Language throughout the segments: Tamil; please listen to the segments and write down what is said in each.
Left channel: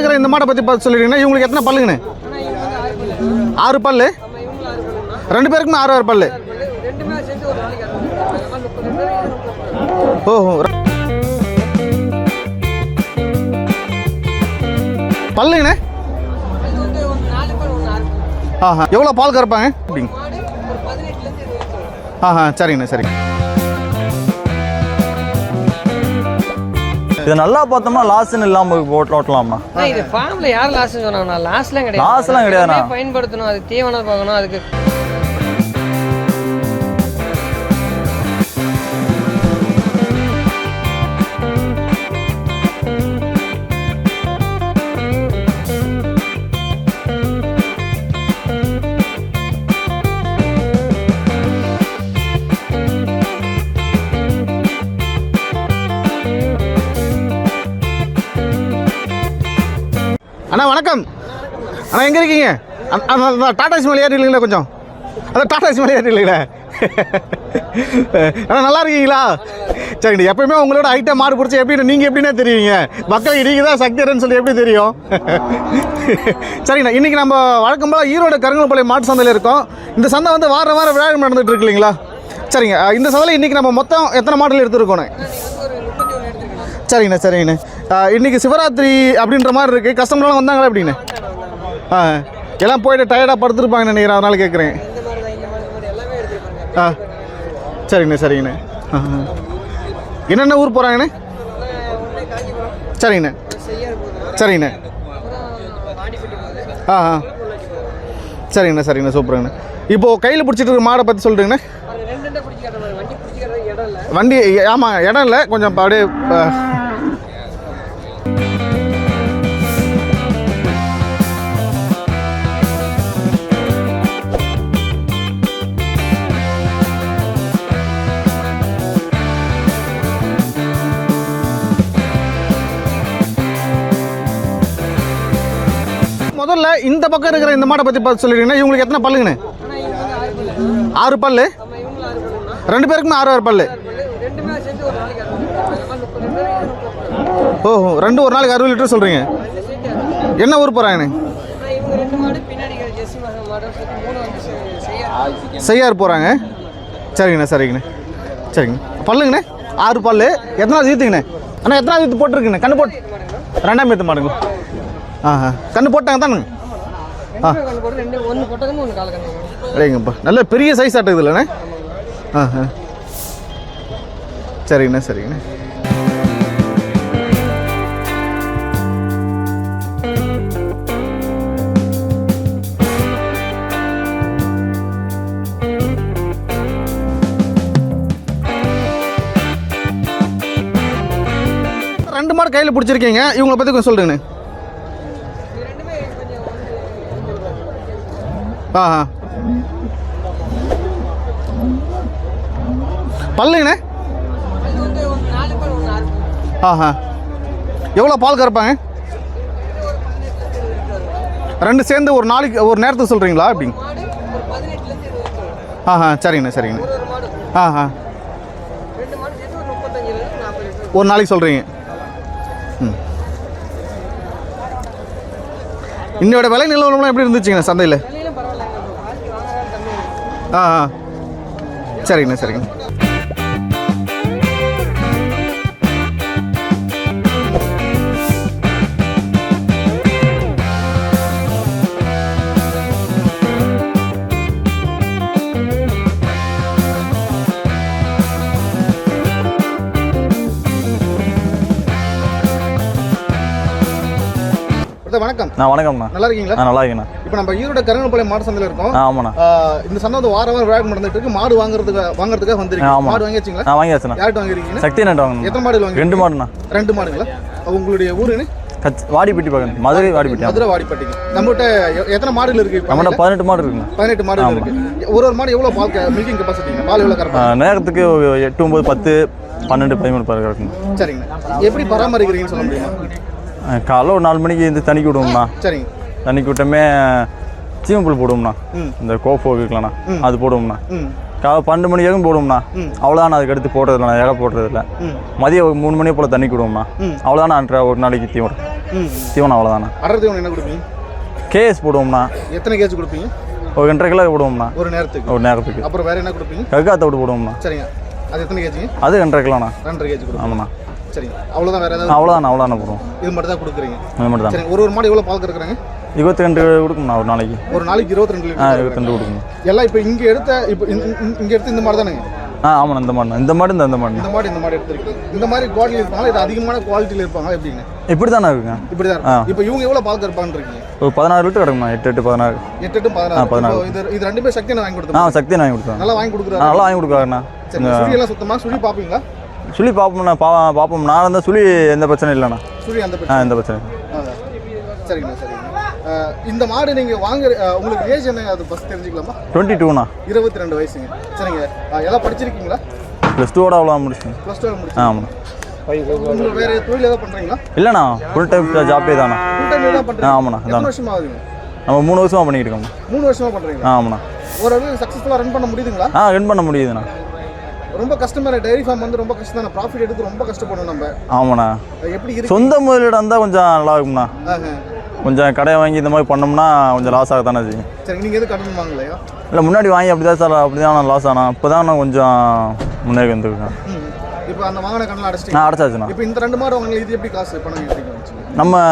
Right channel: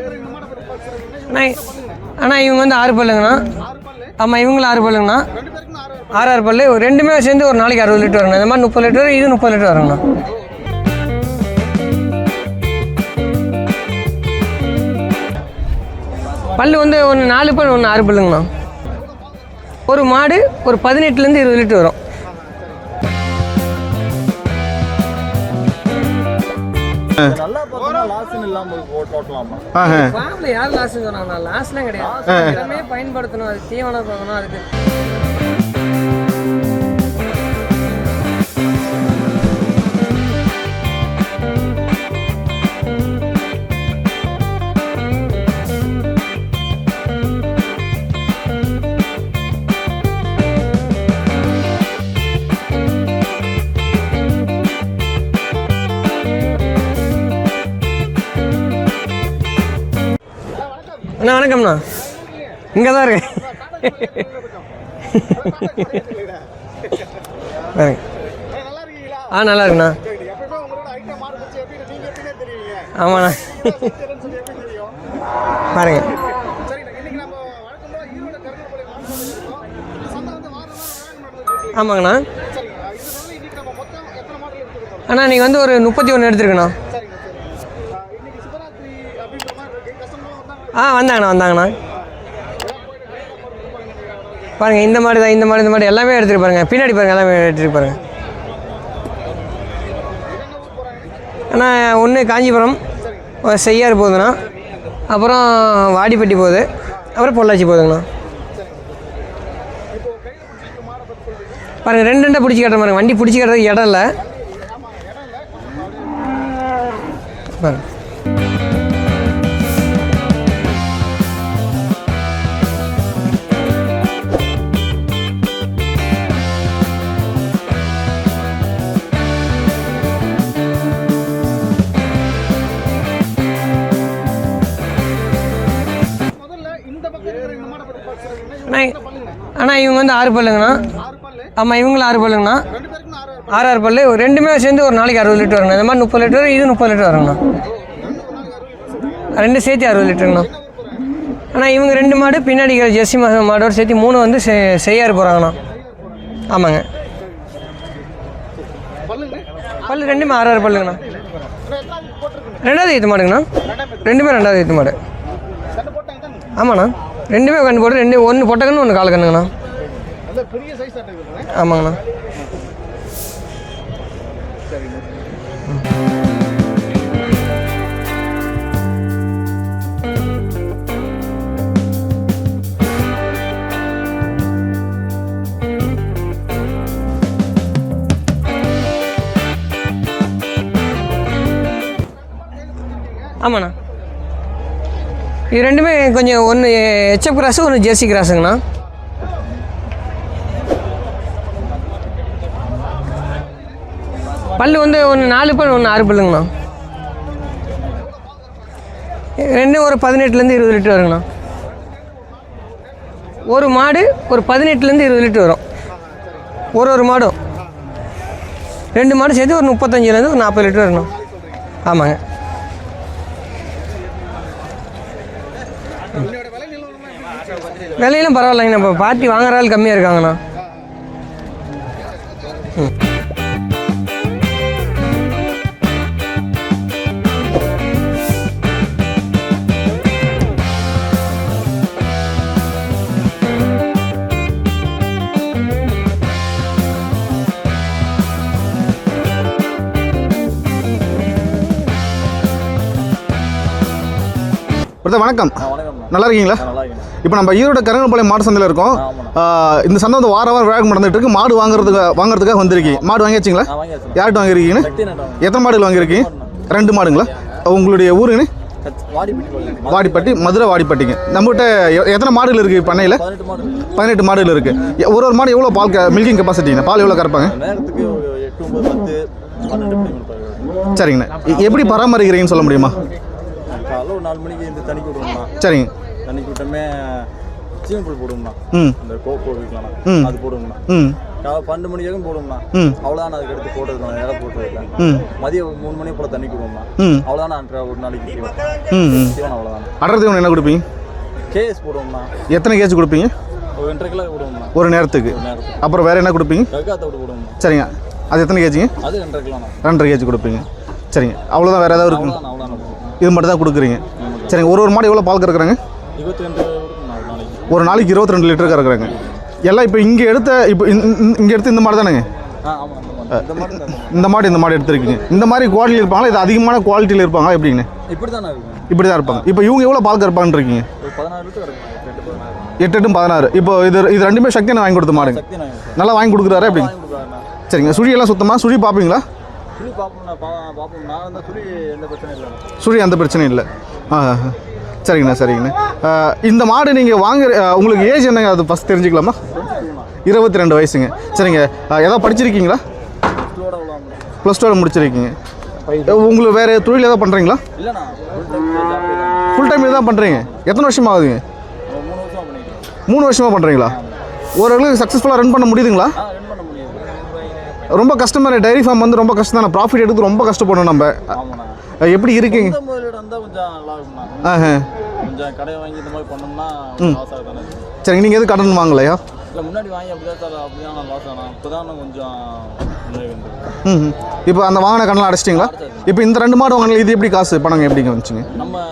இருக்கிற இந்த மாடை பத்தி பார்த்து சொல்லிட்டீங்கன்னா இவங்களுக்கு எத்தனை பல்லுங்கண்ணே? ஆனால் இவங்க வந்து ஆறு பல்லுங்கண்ணா. ஆறு பல்லு? ஆமாம் இவங்களும் ஆறு பல்லுங்கண்ணா. ரெண்டு பேருக்குமே ஆறு ஆறு பல்லு. ஆறு ஆறு பல்லு. ஒரு ரெண்டுமே சேர்ந்து ஒரு நாளைக்கு அறுபது லிட்டர் வருங்க இந்த மாதிரி முப்பது லிட்டர் இது முப்பது லிட்டர் வருங்கண்ணா ஓஹோ பல்லுங்கண்ணே? பல்லு வந்து ஒன்று நாலு பல் ஒன்று ஆறு பல்லுங்கண்ணா. எவ்வளோ பால் கறப்பாங்க? ஒரு மாடு ஒரு பதினெட்டுலேருந்து இருபது லிட்டர் வரும். ஆஹா சரிங்கண்ணே சரிங்க இது நல்லா பார்த்தோம்னா லாஸ்ன்னு இல்லாம போட்டு ஓட்டலாமா? ஃபார்மில் யார் லாஸ் சொன்னாங்கண்ணா லாஸ்லாம் கிடையாது. லாஸ்லாம். எல்லாமே பயன்படுத்தணும் அது தீவனம் பார்க்கணும் அதுக்கு அண்ணா வணக்கம்ண்ணா. அண்ணா எங்க இருக்கீங்க? இங்க தான் டாடா சிமல் ஏறி இல்லைங்களா கொஞ்சம். அதான் டாடா சிமல் ஏறி அண்ணா நல்லா இருக்கீங்களா? ஆ நல்லா இருக்குண்ணா. சரிங்க எப்பயுமே உங்களோட ஐட்டம் மாடு பிடிச்சி எப்படி நீங்க எப்படின்னே தெரியுங்க. மக்கள் நீங்க தான் சக்திரன்னு சொல்லி எப்படி தெரியும்? சரிங்கண்ணா. இன்னைக்கு நம்ம வழக்கம் போல ஈரோடு கருங்கல்பாளையம் மாட்டு சந்தையில இருக்கோம். இந்த சந்தை வந்து வார வாரம் விழாக்கம் நடந்துட்டு இருக்கு இல்லைங்களா? சரிங்க. இந்த சந்தையில இன்னைக்கு நம்ம மொத்தம் எத்தனை மாடல் எடுத்துருக்கோம் அண்ணா நீங்கள் வந்து ஒரு முப்பத்தி ஒன்று எடுத்துருக்கண்ணா. சரிங்கண்ணா சரிங்கண்ணா. இன்னைக்கு சிவராத்திரி அப்படின்ற மாதிரி இருக்கு. கஸ்டமர்லாம் வந்தாங்களா எப்படி வந்தாங்கண்ணா வந்தாங்கண்ணா. எல்லாம் போயிட்டு டயர்டா படுத்துருப்பாங்க நினைக்கிறேன் அதனால கேட்குறேன் இந்த மாதிரி தான் இந்த மாதிரி இந்த மாதிரி எல்லாமே எடுத்துட்டு பாருங்க. பின்னாடி பாருங்க எல்லாமே எடுத்துட்டு பாருங்க. சரிங்கண்ணே சரிங்கண்ணே. என்னென்ன ஊர் போகிறாங்கண்ணே அண்ணா ஒன்று காஞ்சிபுரம். சரிங்கண்ணே ஒரு செய்யாறு போகுதுண்ணா. சரிங்கண்ணே அப்புறம் வாடிப்பட்டி போகுது. அப்புறம் பொள்ளாச்சி போகுதுங்கண்ணா. சரிங்கண்ணே சரிங்கண்ணே சூப்பருங்கண்ணே. இப்போ கையில் பிடிச்சிட்டு இருக்க மாடை பற்றி சொல்லிட்டுங்கண்ணே பாருங்க ரெண்டு ரெண்டா பிடிச்சி கட்டுற பாருங்க. வண்டி பிடிச்சி கட்டுறதுக்கு இடம் இல்லை. வண்டி ஆமாம் இடம் இல்லை. கொஞ்சம் அப்படியே பக்கம் இருக்கிற இந்த மாடை பார்த்து சொல்லிட்டீங்கன்னா இவங்களுக்கு எத்தனை பல்லுங்கண்ணே? அண்ணா இவங்க வந்து ஆறு பல்லுங்கண்ணா. ஆறு பல்லு? ஆமாம் இவங்களும் ஆறு பல்லுங்கண்ணா. ரெண்டு பேருக்குமே ஆறு ஆறு பல்லு. ஆறு ஆறு பல்லு. ஒரு ரெண்டுமே சேர்ந்து ஒரு நாளைக்கு அறுபது லிட்டர் வருங்க இந்த மாதிரி முப்பது லிட்டர் இது முப்பது லிட்டர் வருங்கண்ணா ஓஹோ ரெண்டு ஒரு நாளைக்கு அறுபது லிட்டர் சொல்கிறீங்க ரெண்டு சேர்த்து அறுபது லிட்டருங்கண்ணா என்ன ஊர் போகிறாங்கண்ணே ஆனால் இவங்க ரெண்டு மாடு பின்னாடி ஜெர்சி மாடோட சேர்த்து மூணு வந்து செய்யாறு போகிறாங்கண்ணா செய்யார் போகிறாங்க ஆமாங்க. சரிங்கண்ணே சரிங்கண்ணே. சரிங்க. பல்லுங்கண்ணே? ஆறு பல்லு. ஆறு ஆறு பல்லு. ஈத்துங்கண்ணே அண்ணா எத்தனை ஈத்து போட்டிருக்குண்ணே? கண்ணு ரெண்டாவது ஈத்து மாடுங்கண்ணா. போட்டு- ரெண்டாம் ஈத்து ரெண்டுமே. ரெண்டாவது ஈத்து மாடு. ஆஹா. கண்ணு போட்டாங்க தானே ஆமாண்ணா. ரெண்டுமே கண்ணு போட்டு ரெண்டு ஒன்று பொட்டக்கண்ணு ஒன்று கால கண்ணுங்கண்ணா. சரிங்கப்பா. நல்ல பெரிய சைஸ் ஆட்டுது இல்லைண்ணே ஆமாங்கண்ணா. ஆஹா. சரிங்கண்ணே சரிங்கண்ணே. மாடு கையில் பிடிச்சிருக்கீங்க. இவங்க பற்றி கொஞ்சம் சொல்லுங்கண்ணே. இது ரெண்டுமே கொஞ்சம் ஒன்று ஹெச்எப் கிராஸு ஒன்று ஜெர்சி கிராஸுங்கண்ணா ஆஹா பல்லுங்கண்ணே. பல்லு வந்து ஒன்று நாலு பல் ஒன்று ஆறு பல்லுங்கண்ணா. ஆஹா எவ்வளோ பால் கறப்பாங்க? ரெண்டு ஒரு பதினெட்டுலேருந்து இருபது லிட்டர் வருங்கண்ணா. ரெண்டு சேர்ந்து ஒரு நாளைக்கு ஒரு நேரத்துக்கு சொல்கிறீங்களா ஒரு மாடு ஒரு பதினெட்டுலேருந்து இருபது லிட்டர் வரும். ஆஹா சரிங்கண்ணே சரிங்க ஒரு ஒரு மாடும். ஆஹா ரெண்டு மாடு சேர்த்து ஒரு முப்பத்தஞ்சுலேருந்து ஒரு நாற்பது லிட்டர் வரும் ஒரு நாளைக்கு சொல்கிறீங்க ஆமாங்க. இன்னையோட விலை நிலவரம்லாம் எப்படி இருந்துச்சுங்க சந்தையில்? விலையிலும் பரவாயில்லைங்க. நம்ம பார்ட்டி வாங்குற ஆள் கம்மியாக இருக்காங்கண்ணா. ஆ ஆ. சரிங்கண்ணே சரிங்க பிரதர் வணக்கம். நான் வணக்கம்ண்ணா நல்லா இருக்கீங்களா நல்லா இருக்கேண்ணா இப்போ நம்ம ஈரோடு கருங்கல்பாளையம் மாடு சந்தையில் இருக்கோம். ஆமாண்ணா. இந்த சந்தை வந்து வார வாரம் விழாக்கு நடந்துட்டு இருக்கு. மாடு வாங்குறதுக்கு வாங்குறதுக்காக வந்திருக்கீங்க. மாடு வாங்கியாச்சுங்களா? நான் வாங்கியாச்சுண்ணா. யார்கிட்ட வாங்கிருக்கீங்க சக்தி நட்டு வாங்க எத்தனை மாடுகள் வாங்கிருக்கீங்க ரெண்டு மாடுங்களா? உங்களுடைய ஊருங்கண்ணே? வாடிப்பட்டி மதுரை வாடிப்பட்டி மதுரை வாடிப்பட்டிங்க. நம்மகிட்ட எத்தனை மாடுகள் இருக்கு பண்ணையில்? பதினெட்டு மாடு இருக்குண்ணா. பதினெட்டு மாடுகள் இருக்கு. ஒரு ஒரு மாடு எவ்வளோ பால் மில்கிங் கெப்பாசிட்டிங்க பால் எவ்வளோ கறப்பாங்க? நேரத்துக்கு எட்டு ஒம்பது பத்து பன்னெண்டு பதிமூணு பாரு இருக்குங்க சரிங்கண்ணே. எப்படி பராமரிக்கிறீங்கன்னு சொல்ல முடியுமா? காலைல ஒரு நாலு மணிக்கு இந்த தண்ணிக்கு விடுவோம்ண்ணா சரிங்க. தண்ணிக்கு விட்டோமே சீமப்புல் போடுவோம்ண்ணா. இந்த கோஃபோ இருக்கலாம்ண்ணா. அது போடுவோம்ண்ணா. காலை பன்னெண்டு மணி வரைக்கும் போடுவோம்ண்ணா. அவ்வளோதான் அதுக்கு அடுத்து போடுறதில்ல இலை போடுறதில்ல. ம். மதியம் ஒரு மூணு மணி போல் தண்ணி கொடுவோம்ண்ணா. அவ்வளோதான் நான் ஒரு நாளைக்கு தீவனம். தீவனம் அவ்வளோதாண்ணா ஒன்று என்ன கொடுப்பீங்க? கேஎஸ் போடுவோம்ண்ணா. எத்தனை கேஜ் கொடுப்பீங்க? ஒரு ரெண்டரை கிலோ போடுவோம்ண்ணா. ஒரு நேரத்துக்கு. ஒரு நேரத்துக்கு. அப்புறம் வேற என்ன கொடுப்பீங்க? கக்காத்த விட்டு போடுவோம்ண்ணா. சரிங்க. அது எத்தனை கேஜிங்க? அது ரெண்டரை கிலோண்ணா. ரெண்டரை கேஜி கொடுப்பீங்க. சரிங்க. அவ்வளோதான் வேற ஏதாவது அவ்வளோதாண்ணா அவ்வளோதாண்ணா போடுவோம் இது மட்டும் தான் கொடுக்குறீங்க? அது மட்டும் தான் சரிங்க ஒரு ஒரு மாடு எவ்வளோ பால் கறக்குறாங்க? இருபத்தி ரெண்டு கொடுக்கும்ண்ணா ஒரு நாளைக்கு. ஒரு நாளைக்கு இருபத்தி ரெண்டு லிட்டர் கறக்குறாங்க. கொடுக்குங்க எல்லாம் இப்போ இங்கே எடுத்த இப்போ இங்கே எடுத்து இந்த மாடு தானேங்க? ஆ ஆமாண்ணா இந்த மாடு. இந்த மாடு இந்த மாடு இந்த மாடு இந்த மாடு எடுத்திருக்கீங்க. இந்த மாதிரி குவாலிட்டியில் இருப்பாங்களா? இது அதிகமான குவாலிட்டியில் இருப்பாங்க எப்படிங்க? இப்படி தானே இருக்குங்க. இப்படி தான் இருப்பாங்க இப்போ இவங்க எவ்வளோ பால் கறப்பான்னு இருக்கீங்க ஒரு பதினாறு லிட்டர் கிடக்குண்ணா எட்டு எட்டு பதினாறு. எட்டு எட்டும் பதினாறு. இப்போ இது இது ரெண்டுமே சக்தி நான் வாங்கி கொடுத்த நான் மாதிரி சக்தி வாங்கி கொடுத்தேன் நல்லா வாங்கி கொடுக்குறாரு? வாங்கி கொடுக்குறாருண்ணா. சரிங்க சுழி எல்லாம் சுத்தமா? சுழி பார்ப்பீங்களா சுழி பார்ப்போம்ண்ணா பா பார்ப்போம். நான் இருந்தால் சுழி எந்த பிரச்சனையும் இல்லைண்ணா. சுழி அந்த பிரச்சனை. எந்த இல்லை. சரிங்கண்ணா சரிங்கண்ணா. இந்த மாடு நீங்கள் வாங்குற உங்களுக்கு ஏஜ் என்னங்க? அது ஃபஸ்ட் தெரிஞ்சுக்கலாமா? டுவெண்ட்டி டூண்ணா இருபத்தி ரெண்டு வயசுங்க. சரிங்க. ஆ, ஏதாவது படிச்சிருக்கீங்களா? ப்ளஸ் டூவோட அவ்வளோ முடிச்சேன் ப்ளஸ் டூ முடிச்சிருக்கீங்க. உங்களுக்கு வேறு தொழில் ஏதாவது பண்ணுறீங்களா இல்லைண்ணா. ஃபுல் டைம் ஜாப்பே தாண்ணா. ஃபுல் டைம் தான் பண்ணுறீங்க ஆமாண்ணா. எத்தனை வருஷமா ஆகுதுங்க? நம்ம மூணு வருஷமா பண்ணிட்டு இருக்கோம். மூணு வருஷமா பண்ணுறீங்களா ஆமாண்ணா. ஓரளவுக்கு சக்ஸஸ்ஃபுல்லாக ரன் பண்ண முடியுதுங்களா? ஆ ரன் பண்ண முடியுதுண்ணா. ரொம்ப கஷ்டமாக டைரி ஃபார்ம் வந்து ரொம்ப கஷ்டம் தானே? ப்ராஃபிட் எடுத்து ரொம்ப கஷ்டப்படணும் நம்ம. ஆமாண்ணா. எப்படி இருக்கு? சொந்த முதலீடு இருந்தால் கொஞ்சம் நல்லா இருக்கும்ண்ணா. கொஞ்சம் கடையை வாங்கி இந்த மாதிரி பண்ணோம்னா கொஞ்சம் லாஸ் ஆக தானே செய்யும். சரிங்க நீங்கள் எதுவும் கடன் வாங்கலையா? இல்லை முன்னாடி வாங்கி அப்படி தான் சார் அப்படி தான் லாஸ் ஆனா இப்போ தான் நான் கொஞ்சம் முன்னேறி வந்துருக்கேன். இப்போ அந்த வாங்கின கடலாம் அடைச்சிட்டிங்களா? அடைச்சாச்சுண்ணா. இப்போ இந்த ரெண்டு மாடு வாங்கினது இது எப்படி காசு? பணங்க எப்படிங்க வந்துச்சுங்க? நம்ம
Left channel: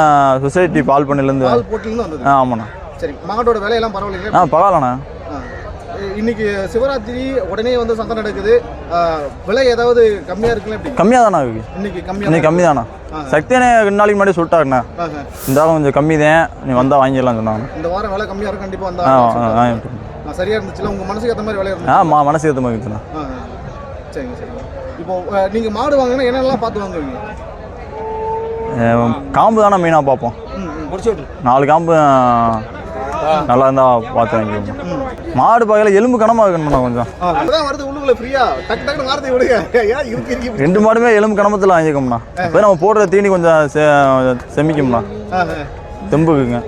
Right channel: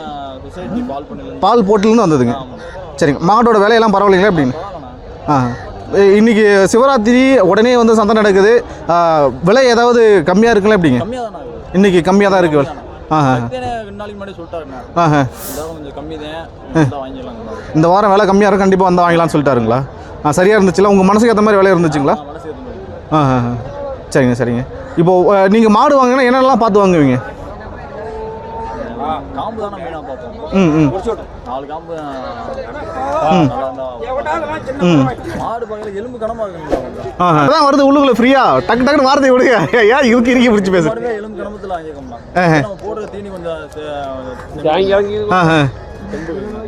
சொசைட்டி பால் பண்ணையிலேருந்து பால் போட்டிலேருந்து வந்ததுங்க? ஆமாண்ணா. சரிங்க. மாடோட விலையெல்லாம் பரவாயில்லைங்களா பரவாயில்லண்ணா. ஆ இன்னைக்கு சிவராத்திரி உடனே வந்து சந்தை நடக்குது. விலை ஏதாவது கம்மியாக இருக்குல்ல எப்படிங்க கம்மியாக தானே இருக்கு? இன்னைக்கு கம்மியாக தான் கம்மி இருக்கு. தானே. சக்தியானே ரெண்டு நாளைக்கு முன்னாடி சொல்லிட்டாருண்ணா. இந்த வாரம் கொஞ்சம் கம்மி தான் நீ வந்தால் வாங்கிடலாம் சொன்னாங்க. இந்த வாரம் விலை கம்மியாக இருக்கும் கண்டிப்பாக வந்து வாங்கலாம்னு ஆ, சொல்லிட்டாருங்களா? ஆ சரியாக இருந்துச்சுல? உங்கள் மனசுக்கு ஏற்ற மாதிரி விலை இருந்துச்சுங்களா? மனசு ஏற்ற மாதிரி. சரிங்க சரிங்க. இப்போ நீங்க மாடு வாங்கினா என்னென்னலாம் பார்த்து வாங்குவீங்க? காம்பு தானே மெயினாக பார்ப்போம். ம் ம். நாலு காம்பு நல்லா இருந்தா பார்த்து மாடு பார்க்கல எலும்பு கனமாக இருக்கணும்ண்ணா கொஞ்சம் அதான் வருது உள்ளுக்குள்ள ஃப்ரீயா? டக்கு டக்குனு வார்த்தை விடுங்க. ஏன் இருக்கு இருக்கு பிடிச்சி மாடுமே எலும்பு கனமத்தில் வாங்கிக்கோம்ண்ணா அப்போ நம்ம போடுற தீனி கொஞ்சம் செ- செமிக்கும்ண்ணா ஆஹா. தெம்புக்குங்க.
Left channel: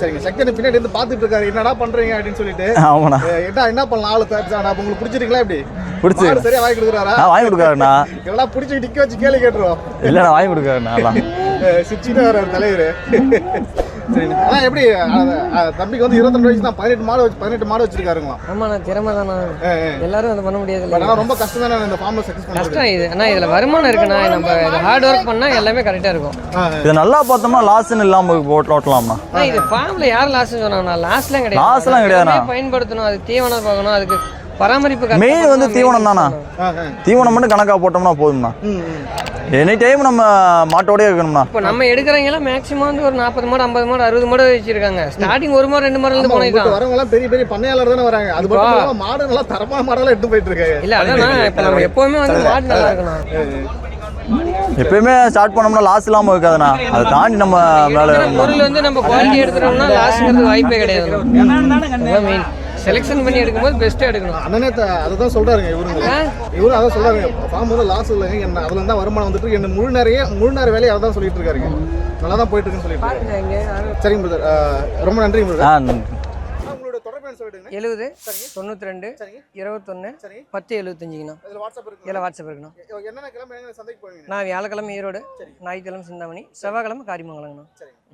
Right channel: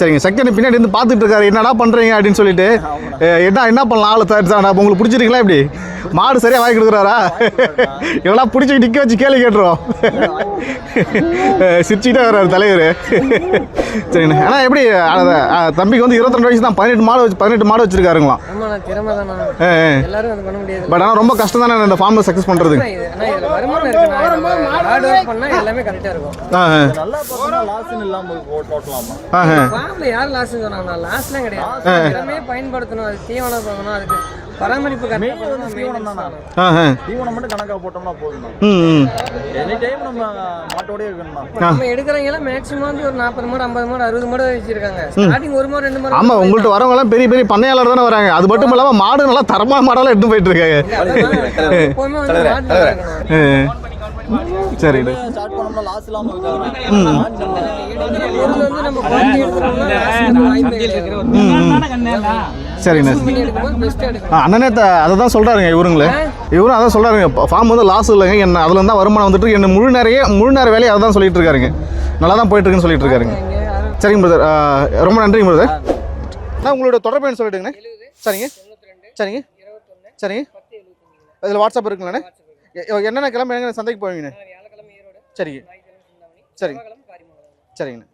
சரிங்க சக்தி பின்னாடி இருந்து பார்த்துட்டு இருக்காரு. என்னடா பண்றீங்க அப்படின்னு சொல்லிட்டு. ஆமாண்ணா. என்ன என்ன பண்ணலாம்? ஆளு சார் உங்களுக்கு பிடிச்சிருக்கீங்களா இப்படி. மாடு சரியா வாங்கி கொடுக்குறாரா? வாங்கி கொடுக்குறாருண்ணா. எவ்வளோ பிடிச்சி நிக்க வச்சு கேள்வி கேட்டுருவோம். இல்லை வாங்கி. அஹ், சிரிச்சுட்டு வர்றாரு தலைவர். சரிண்ணா ஆனால் எப்படி தம்பிக்கு வந்து இருபத்தி வயசு தான் பதினெட்டு மாடு வச்சு பதினெட்டு மாடு வச்சிருக்காருங்களாம். பட் ஆனால் ரொம்ப கஷ்டம் தானே இந்த ஃபார்மில் சக்ஸஸ் பண்ணுறதுக்கு இதில் வருமானம் இருக்குண்ணா. நம்ம ஹார்ட் ஒர்க் பண்ணால் எல்லாமே கரெக்டாக இருக்கும். இது நல்லா பார்த்தோம்னா லாஸ்ன்னு இல்லாமல் போட்டு ஓட்டலாம்ண்ணா. ஃபார்ம்ல யார் லாஸ் சொன்னாங்கண்ணா கிடையாது. லாஸ்லாம். எல்லாமே பயன்படுத்தணும். அது தீவனம் பார்க்கணும் அதுக்கு பராமரிப்பு மெயின் வந்து. தீவனம் தானா? ஆஹா. தீவனம் மட்டும் கணக்காக போட்டோம்னா போதும்ண்ணா. எனி டைம் நம்ம மாட்டோடயே இருக்கணும்ண்ணா. இப்போ நம்ம எடுக்கிறவங்க மேக்ஸிமம் வந்து ஒரு நாற்பது மாடு ஐம்பது மாடு அறுபது மாடு வச்சிருக்காங்க. ஸ்டார்டிங் ஒரு மாடு ரெண்டு மாடு ஆமா வந்து உங்கள்கிட்ட. வரவங்க எல்லாம் பெரிய பெரிய பண்ணையாளர் தானே வராங்க. அது மட்டும் இல்லாம மாடு நல்லா தரமான மாடெல்லாம் எடுத்து போயிட்டு இருக்காங்க எப்பவுமே வந்து மாடு நல்லா இருக்கணும். எப்பயுமே ஸ்டார்ட் பண்ணோம்னா லாஸ் இல்லாமல் இருக்காதுண்ணா. தாண்டி நம்ம வேலை பொருள் வந்து நம்ம குவாலிட்டி எடுத்துட்டோம்னா லாஸ் வாய்ப்பே கிடையாது. எடுக்கணும். அண்ணனே அதை தான் சொல்றாருங்க இவருங்களே. இவரும் அதான் சொல்றாருங்க ஃபார்ம் வந்து லாஸ் இல்லைங்க என்ன அதுல இருந்தா வருமானம் வந்துட்டு என்ன முழு நிறைய முழு நேர வேலையை அதை தான் சொல்லிட்டு இருக்காருங்க. நல்லா தான் போயிட்டு இருக்குன்னு சொல்லிட்டு இருக்காருங்க சரிங்க பிரதர் ரொம்ப நன்றிங்க பிரதர் நான் உங்களோட தொடர்பு எண் சொல்லிட்டுங்க எழுபது சரிங்க. தொண்ணூத்தி ரெண்டு சரிங்க. இருபத்தொன்னு சரிங்க. பத்து எழுபத்தஞ்சுங்கண்ணா அதில் வாட்ஸ்அப் இருக்குங்களே வாட்ஸ்அப் இருக்குண்ணா. என்னென்ன கிளம்பி சந்தைக்கு போவீங்க நான் வியாழக்கிழமை ஈரோடு சரிங்க. ஞாயிற்றுக்கிழமை சிந்தாமணி செவ்வாய்க்கிழமை காரிமங்கலங்கண்ணா. சரிங்க